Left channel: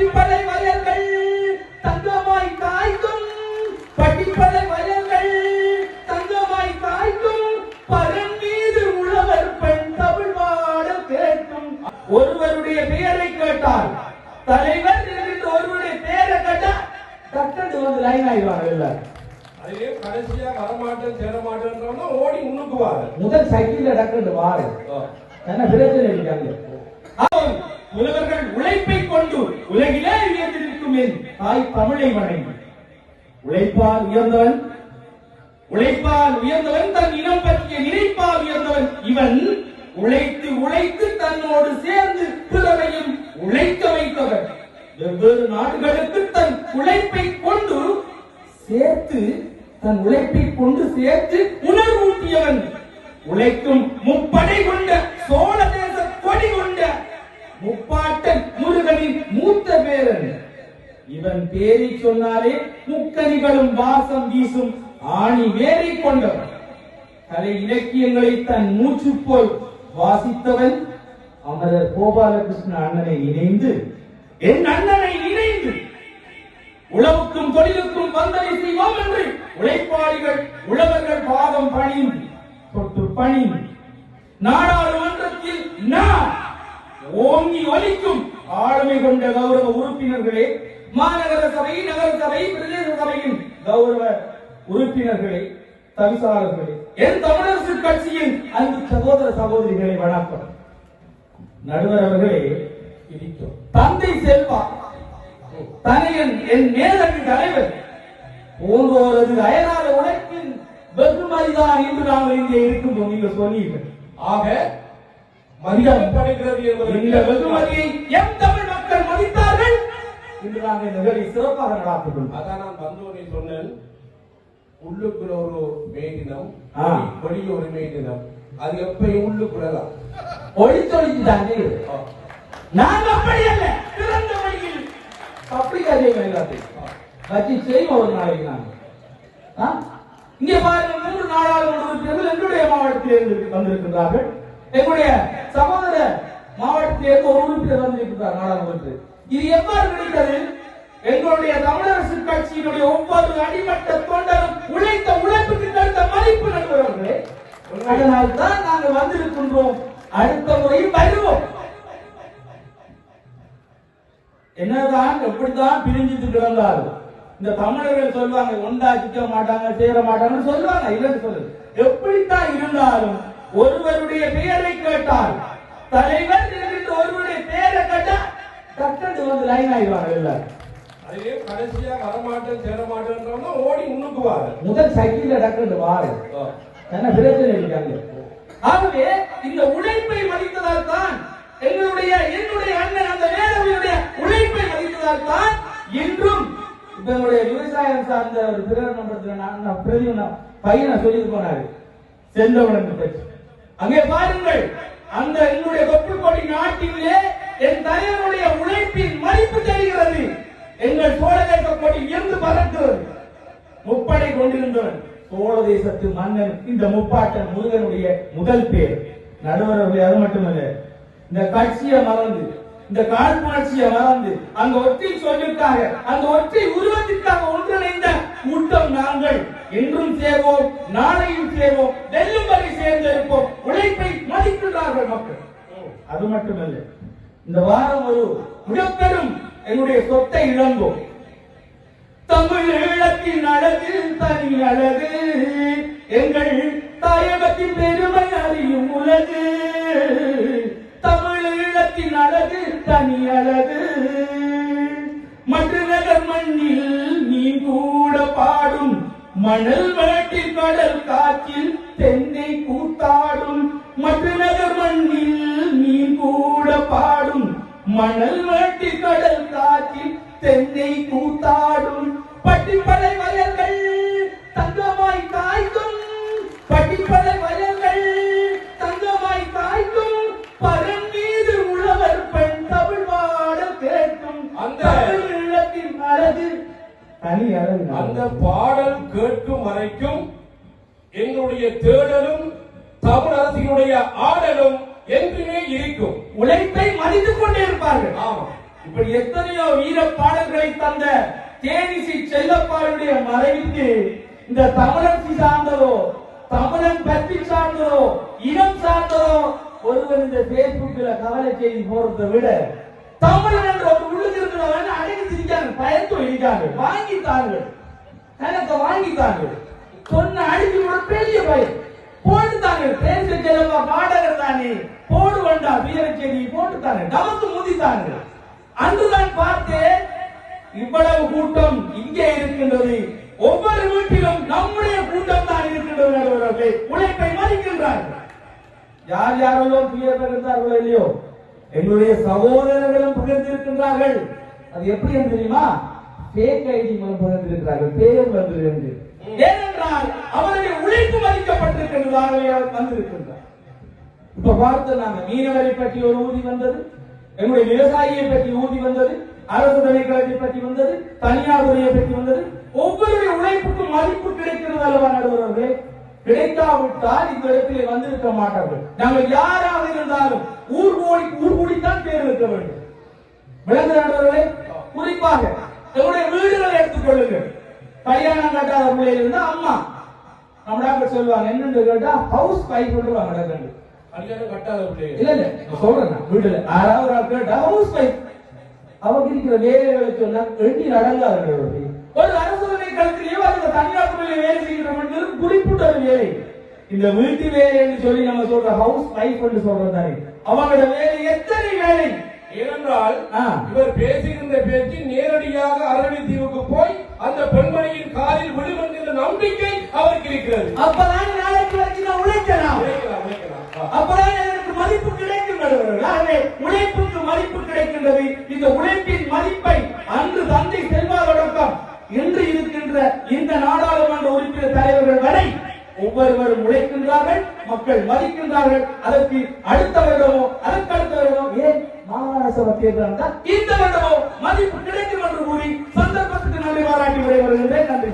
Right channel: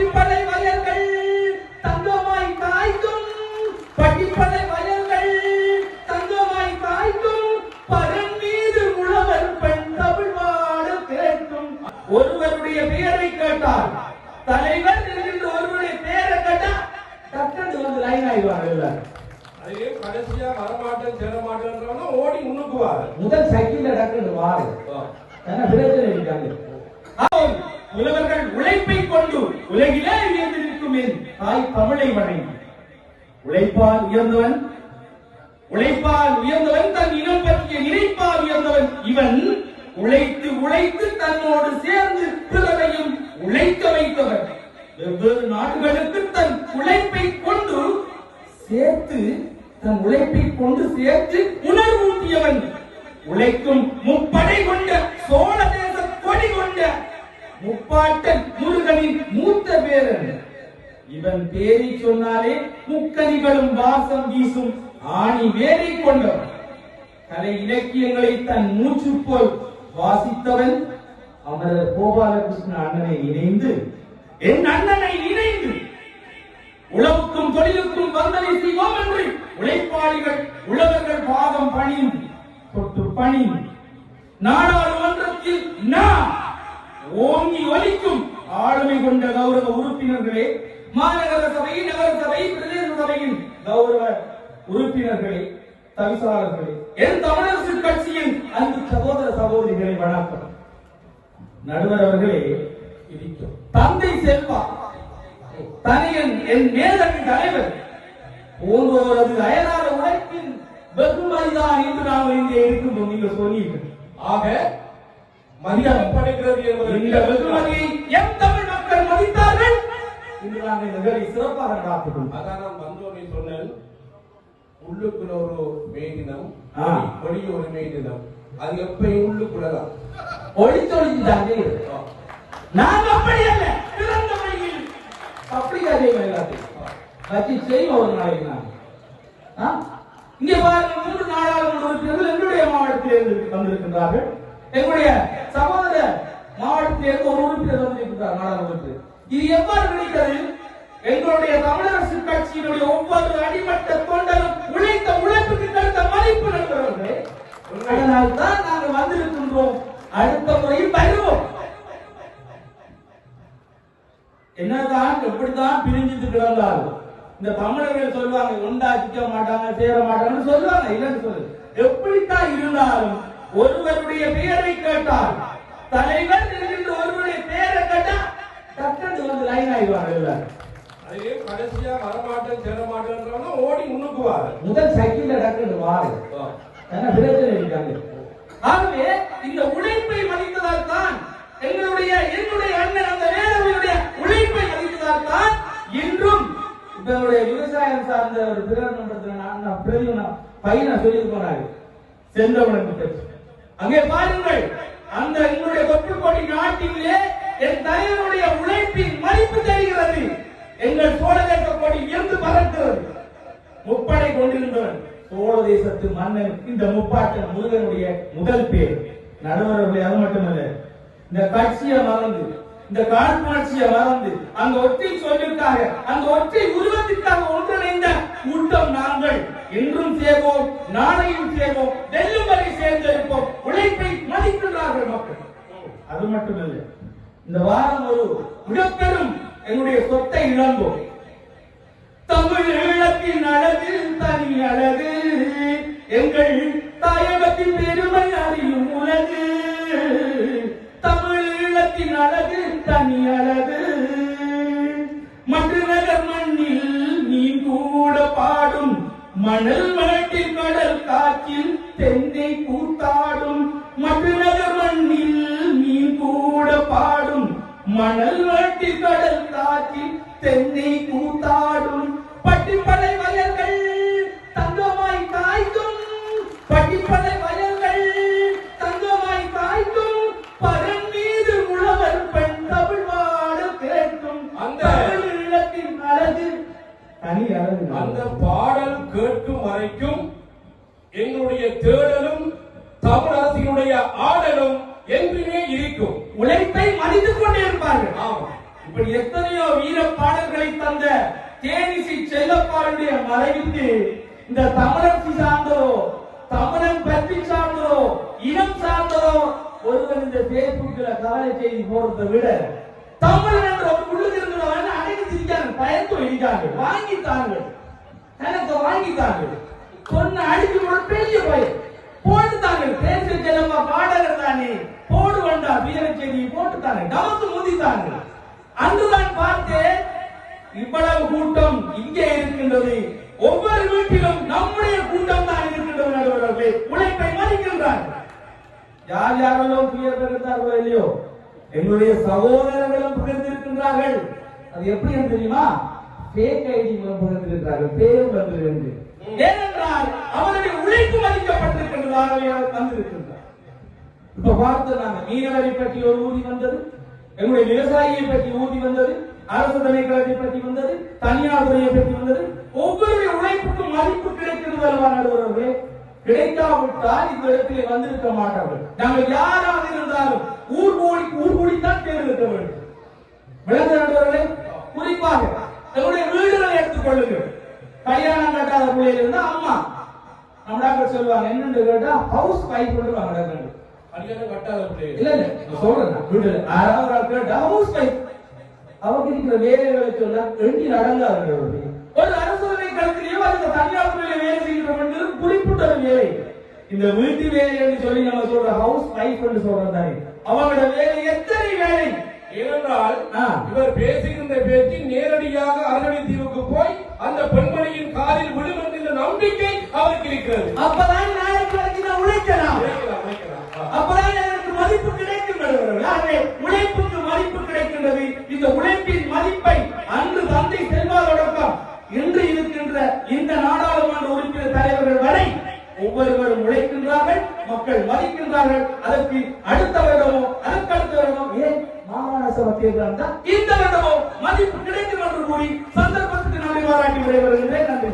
பட்டிப்படை வயல்கள் தங்கமாய் காய்க்கும், பட்டிப்படை வயல்கள் தங்கமாய் காய்க்கும், பரன் மீது உழவர் பெண் தமிழ் வாழ கேட்கும். ஒருவருடைய பெயரை கேட்டால் தலைவர் என்கின்ற ஒருவருடைய பெயரை கேட்டால் டக்குனு வந்து லைன் ஆயிடுவாங்க. அதே கடைசியா வரமாட்டேன் சேரமாட்டேன் ஓடி உண்ணுக்குவாரு. முதல் சைக்கிள் டக்குனு வாரு என்ன பிரச்சனை இருக்காங்க. உழவர்கள் உழைப்பை கொண்டு உலகிலே உயர்ந்திருக்குமே தாய் தமிழை வணங்கி. உழைப்பால் உயர்ந்தவன், உழைப்பால் உயர்ந்தவன், தன் இனம் பற்றிய நினைப்பால் உயர்ந்தவன் இவன். உழைத்து உழைத்து தன்னோடு சேர்ந்து பிறரையும் உழைக்க வைத்தவன். வெவ்வேறு நாடுகளுக்கு தன் உழைப்பை கொண்டு சேர்த்து, தன் உழைப்பை கொண்டு சேர்த்து உணர்வூட்டியவன். உழைக்கும் முப்படை கொண்ட சோழ தேச கொடி கொண்ட முப்பாட்டன் முருகனின் மூத்த பேரன் இவன். பேரை சொன்னாலே முக்கனிகளும் வாசம் வீசும் ஆணி வேரை கொண்டவன். கலை இலக்கியங்களை தன் மூச்சு போல் வாசித்தவன். அமரர் கோபாலகிருஷ்ண அண்ணனை இணைந்து, என் அண்ணனை இணைந்து உழவுக்கும் தொழிலுக்கும் வந்தனை செய்வோம் என்று உழைப்பாளிகள் உழவர்கள் பாதம் பணிந்து தொட்டு பணிந்து நாடாளுமன்றத்தில் நாம் ஓங்கி ஒலிக்கும் ஆளுமை கொண்ட கௌரவ உறுப்பினர்களே, மாநகர சபை, நகர சபை, பிரதேச சபையின் கௌரவ உறுப்பினர்களே, தவிசாளர்களே, என் தமிழரசு கட்சியின் அன்பு சகோதர சகோதரிகளை வணக்கம். நடுவர் அவர்களே, தந்தை செல்வா தனையன் என் மேலணி தலைவர் போன்றோரது அயனார உழைப்பின் வெகுமதிதான் என்று நாங்கள் இங்கே இருக்கும் நீங்கள் சொன்னீர்கள். ஆக மதிக்கப்படுகிறது என்பது இந்த வெகுமதியை எம் தமிழ் மக்கள் மதித்தார்கள் என்று நாங்கள் இந்த வேலை சிறப்பாக நடாத்துகிறோம். அதான் நான் வந்தோனே சொன்னேன், உள்ளுக்குள்ள ஒரு மேதினம், வெளியே ஒரு மேதினம். அது எப்பயும் உள்ளுக்குள்ளதான் ஒளித்தொழிச்சு தாங்க. நான் அப்படி அல்ல, திறந்த வழியில் பப்ளிக் அதே வச்சு செய்வோம் ஒரு நாளைக்கு. நான் இங்கே பாருங்க, 3 நாடாளுமன்ற உறுப்பினர்கள் எங்களுடைய மாவட்டத்தில் வந்திருக்கின்றார்கள். எங்களுடைய சகோதர மாவட்டத்திலிருந்து ஒரு உறுப்பினர் வந்திருக்கிறார் நாடாளுமன்ற. இது எவ்வாறு கிடைத்தது? எங்களுடைய தமிழரசு கட்சியினுடைய ஒவ்வொரு அடிமட்ட தொண்டரும் உழைத்த உழைப்புக்கு கிடைத்த மதிப்பு நண்பர்களே. அதனால் தான் நாங்கள் வந்திருக்கின்றோம். அடுத்த முறையும் வருவோம். என்னதான் எப்படித்தான் பிரிஞ்சிட்டு கிடந்தாலும் இந்த தமிழர்கள் சொல்லுவாங்க, ஒன்றாக்கிக்க மாட்டாங்க, சேர மாட்டாங்கன்னு சொல்லுவாங்க. இல்லைன்னு சொல்லு. எப்படித்தான் இருந்தாலும் ஒருவருடைய பெயரை கேட்டால், தலைவர் என்கின்ற ஒருவருடைய பெயரை கேட்டால் டக்குனு வந்து லைன் ஆயிடுவாங்க. இல்ல அதே கடைசியா வரமாட்டேன் சேரமாட்டேன் ஓடி உண்ணுக்குவாரு. முதல் சைக்கிள் டக்குனு வாரு என்ன பிரச்சனை இருக்காங்க. ஆகவே இந்த உழைப்பை மதித்ததால் தான் என்னுடைய அண்ணன் அந்த வேலவையுடைய உழைப்பை மதித்ததால் தான் இன்றும் எங்களுடைய விவசாயம் சார்ந்த ஒரு பிரதம பையனை சொல்லி போனாரு செந்தவனுக்கு. அங்கே பாருங்கள், அந்த எங்களுடைய தொப்புக்கொடி நாட்டிலே என் தலைவருடைய உழைப்பின் மதிப்பு தெரிகிறது. எங்கள் சோழ தேச கொடி இருந்து பறக்கிறது. முப்படை கொண்டிருந்தவன் சோழ தேசத்து மன்னன் இந்த முப்பாட்டன் முருகனுடைய முதல் பேர். நடுவர்களே, அது மட்டுமல்ல, இந்த கட்சியை மறந்து, இந்த காழ்ப்புணர்ச்சியை மறந்து, அங்க ஒற்றை சொல்லுக்காக, அந்த ஒற்றை உருவத்திற்காக ஒன்றிணைந்த கூட்டம் நாங்கள். என்றும் சேர்வோம், நாளையும் சேர்வோம், வெல்லும் வரை சேர்ந்திருப்போம். உழைப்பை மதிக்கின்றார்கள் மக்கள். அது மட்டுமல்ல, இந்த வாரம் ஒரு மிகப்பெரும் என்னுடைய சொத்தை இழந்தோம். தமிழ் ஈழத்தின் அழகு தனி அழகு, எங்கள் தாயகத்தின் பெருமை அறியும் உலகு. தமிழ் ஈழத்தின் அழகு தனி அழகு, மற்ற நகர் மண்ணில் நீ கூட பாடும், மணல் மேட்டில் கடல் காற்றில் தென்னை கூத்தாடும். மற்ற நகர் மண்ணில் நீ கூட பாடும், மணல் மேட்டில் கடல் காற்றில் தென்னை கூத்தாடும். பட்டிப்படை வயல்கள் தங்கமாய் காய்க்கும், பட்டிப்படை வயல்கள் தங்கமாய் காய்க்கும், பரன் மீது உழவர் பெண் தமிழ் வாழ கேட்கும். அந்த ஈழத்தின் அழகு தனி அழகு. அந்த பாடல் கேட்கும் வரைக்கும் எங்களுடைய தேடலும் தமிழரசினுடைய ஆடலும் என்றுமே இருக்கும். உழைப்பை மதித்துக் கொண்டே இருப்பார்கள். ஆமா, இப்படி எத்தனையோ வீர பாடல்களை தந்த தேனிசி செல்லப்பாருடைய மறைவுக்கு இந்த தமிழச்சி சார்ந்ததோ, தமிழன் பற்றி சார்ந்ததோ, இனம் சார்ந்ததோ ஒருவர் இந்த பேஸ்புக்ல கவலை செய்தி போறதை விட தமிழன் என்ற ஒரு உள்ளுக்கு இருக்கிறவன் அடைந்து இருக்காங்க, பயந்து இருக்காங்க, வாங்கித்தாங்க, எனக்கு வாங்கித்தாங்க, சொன்ன அடிச்சு கூட பெரிய பயிர் போட்டுத்தாங்க. தேசிய செல்லப்பா பாடகர் தானே, போடு வேண்டா வீர செய்தி போட்டுத்தாங்க, நமக்கு முதித்தாங்க. அன்றுதான் பார்த்தேன் இவ்வளவு கூட்டம் இங்கே இருக்கின்றது. ஒவ்வொரு வீட்டிலும் நம்முடைய கூட்டம் தான் இருக்கின்றது. உழைப்பை மதிக்கின்றார்கள். யார் யாரெல்லாம் துயர் பகிர்ந்தார்களோ இல்லையோ, எங்களுடைய சகோதரர்களும் பகிர்ந்திருக்கின்றார்கள். அது எப்படி தெரியுமா? ஃபேக் ஐடி மூலம் பகிர்ந்திருக்கிறார்கள், பேர் வந்திருந்து. ஏனென்றால் அவருடைய உழைப்பு மதிக்கப்பட்டிருக்கின்றதாகவே அவர் வந்திருக்கின்றார். இப்ப பார்த்து நாங்க மீனவரை பற்றி ஒரு ஊதி வந்தது, எங்களுடைய விவசாயியை பற்றி ஊதி வந்தது, அரசு திணைக்களத்தை பற்றி வந்தது, தனியார் துறையை பற்றி வந்தது. ஒவ்வொருடைய உழைப்புக்கும் மதிப்பு கிடைக்கிறது அல்லவா நடுவர்களே? கிடைக்காவிட்டால் இந்த இடத்திலே வந்திருக்க மாட்டார்கள். நாங்கள் யாராக இருந்தாலும் ஊர் கூடித்தான் பேர் இருக்க வேண்டும். விளங்க நடுவர்களே, குறிப்பாக எங்களுடைய வீடுகளை எடுத்துக்கொள்ளுங்கள். கல்யாணம் கட்டாத பிள்ளைகள் இருந்தா அம்மா நம்ம டாக்டர் சொல்லுவாங்க, என்னன்னு கேட்டா ஹவுஸ் வைஃப் சொல்லுவாங்க. கல்யாணம் கட்டாத பிள்ளைகள் இல்ல இல்ல சொல்றேன், வீட்டுல யாராவது கேட்டா ஹவுஸ் வைஃப் அவங்க இருக்கிற வேலைகளை சொன்னா எண்ணி நடங்காது. ஒரு அரசுரை கல்வியிலேயோ அந்த தனியார் துறையில வேலை செய்கிற குறிப்பிட்ட ஒரு வேலை. இந்த வீட்டு வேலை என்று சொல்லி நம்ம சொல்ற ஹவுஸ் வைஃப் என்று சொல்றதானே, அவங்களோட வேலை எத்தனை வேலை? ஏனென்றால் இவர் பேசுகின்ற பேச்சு நேரடியாக அரணி தீவுக்கு போய் அந்த பெண்மணியின் காலில் விடும் என்கிற நம்பிக்கை அவருக்கு இருக்கிறது. அப்பதான் நாளைக்கு வரைக்கும் உழைக்கலாம், அப்பதான் எனக்கு மதிப்பு கிடைக்கின்றது. உழைப்புக்கு மதிப்பு கிடைக்கின்றது. இந்த உழைப்பின் மதிப்பை அன்று தந்தை செல்வா தொடக்கம் இன்று இருக்கின்ற இந்த நாடாளுமன்ற உறுப்பினர் தலைவர்கள் வரை ஒவ்வொருவரும் உழைக்கின்றார்கள், மக்கள் மதிக்கின்றார்கள். அதற்கு அடுத்த வருடமோ அதற்கு அடுத்த வருடமோ ஏன் மாகாண சபை தேர்தல் தான் இந்த வருடமோ மதிப்பு கிடைக்கும் என்று கூறி சந்தர்ப்பத்துக்கு நன்றி பாராட்டி விடைபெறுகின்றேன். நன்றி.